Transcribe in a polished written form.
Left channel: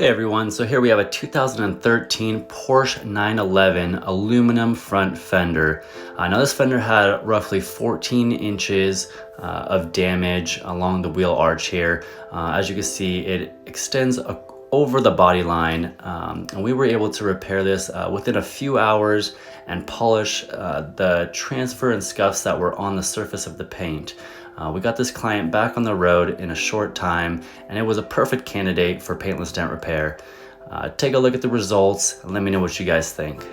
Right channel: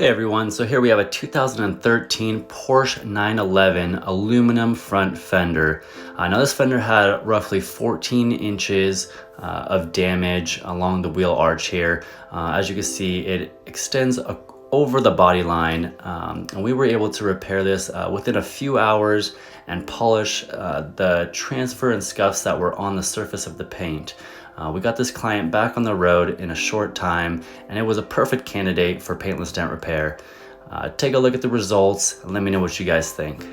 Hey everyone, so here we have a 2013 Porsche 911 aluminum front fender. Now this fender had roughly 14 inches of damage along the wheel arch here. As you can see, it extends over the body line, and we were able to repair this within a few hours and polish the transfer and scuffs that were on the surface of the paint. We got this client back on the road in a short time, and it was a perfect candidate for paintless dent repair. Take a look at the results and let me know what you guys think.